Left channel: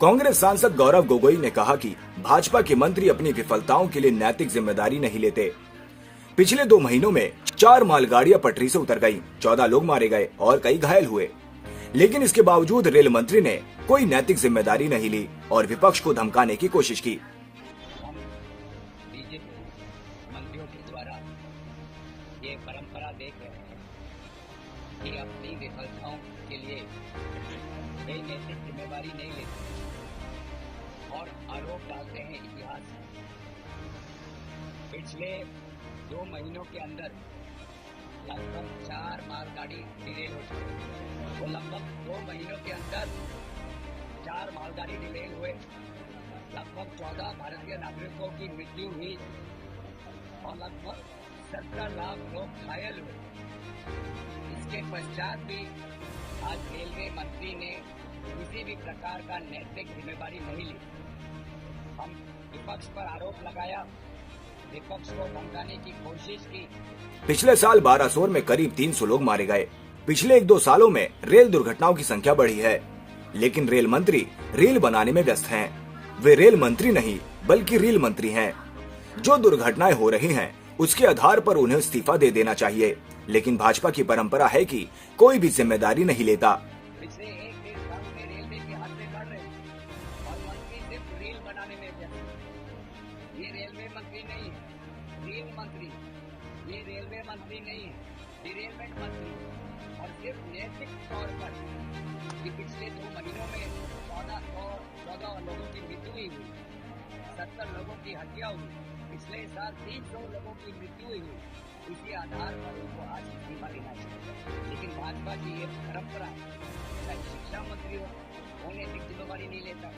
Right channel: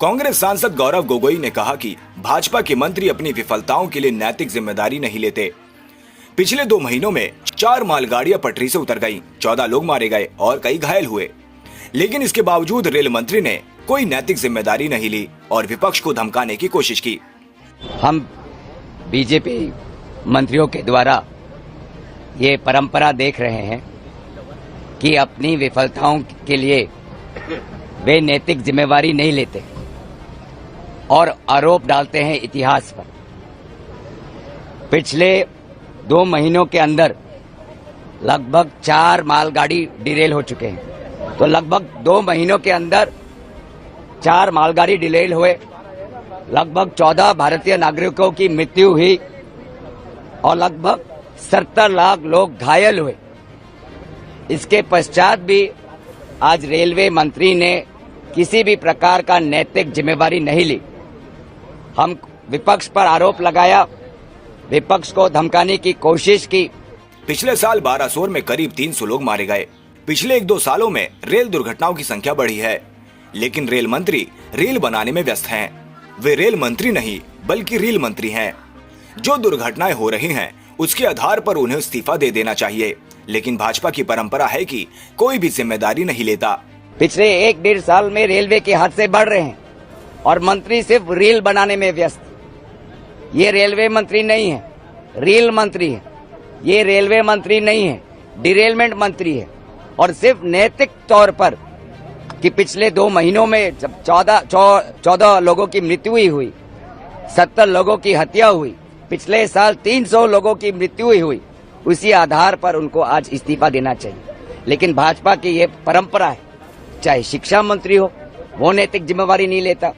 कांग्रेस सांसद गौरव गोगोई ने कहा कि भाजपा के मंत्री अपनी विफलताओं के लिए नैतिक जिम्मेदारी नहीं लेते। पिछले 2 महीनों में 4 मालगाड़ियां पटरी से उतर गईं, 14 लोग मारे गए और कई घायल हुए, लेकिन इसके बावजूद रेल मंत्री ने कोई नैतिक जिम्मेदारी नहीं ली और विपक्ष को धमकाने की कोशिश की। हम बीजेपी मंत्रियों के द्वारा ये परंपरा देख रहे हैं कि अपनी विफलताओं के लिए वे नैतिक जिम्मेवारी नहीं लेते और आरोप डालते हैं इतिहास पर। पिछले 2 महीनों के अंदर लगभग 4 मालगाड़ी डिरेल हो चुके हैं। तो लगभग 2 महीनों के अंदर 4 मालगाड़ी डिरेल हुए, लगभग 14 भारतीय नागरिकों की मृत्यु हुई और लगभग 70 लाख लोग घायल हुए। इसके पश्चात भी आज रेलवे मंत्री ने किसी भी प्रकार का नैतिक जिम्मेवारी नहीं ली। हम विपक्ष पर आरोप लगाया, विपक्ष को धमकाने की कोशिश की। पिछले साल बारासोर में करीब 300 लोग मारे गए। पिछले 1-2 सालों में रेल दुर्घटनाओं की संख्या बढ़ी है, लेकिन रेल मंत्री रेल बनाने में व्यस्त हैं। वे रेल मंत्री नहीं बल्कि रेल मंत्री हैं। जो दुर्घटनाएं हो रही हैं उसके आधार पर उन्हें इस्तीफा दे देना चाहिए, लेकिन भाजपा की परंपरा है कि कोई भी जिम्मेदारी नहीं लेता। पिछले 1-1.5 साल में रेलवे के हादसे बढ़ रहे हैं और मंत्री सिर्फ रेल बनाने में व्यस्त। ये रेलवे मंत्री नहीं है, रेल मंत्री है। ये रेलवे मंत्री नहीं है, डिरेलमेंट मंत्री है। और सिर्फ नैतिक तौर पर कि पिछले 2 महीनों में जब 14 लोगों की मृत्यु हुई, 70 लोगों की हत्या हुई, पिछले साल 300 लोगों की मृत्यु हुई, उसी आधार पर उनको आज इस्तीफा देना चाहिए। लेकिन भाजपा की ये परंपरा है, चाहे शिक्षा मंत्री हो, वो नैतिक जिम्मेवारी नहीं लेता।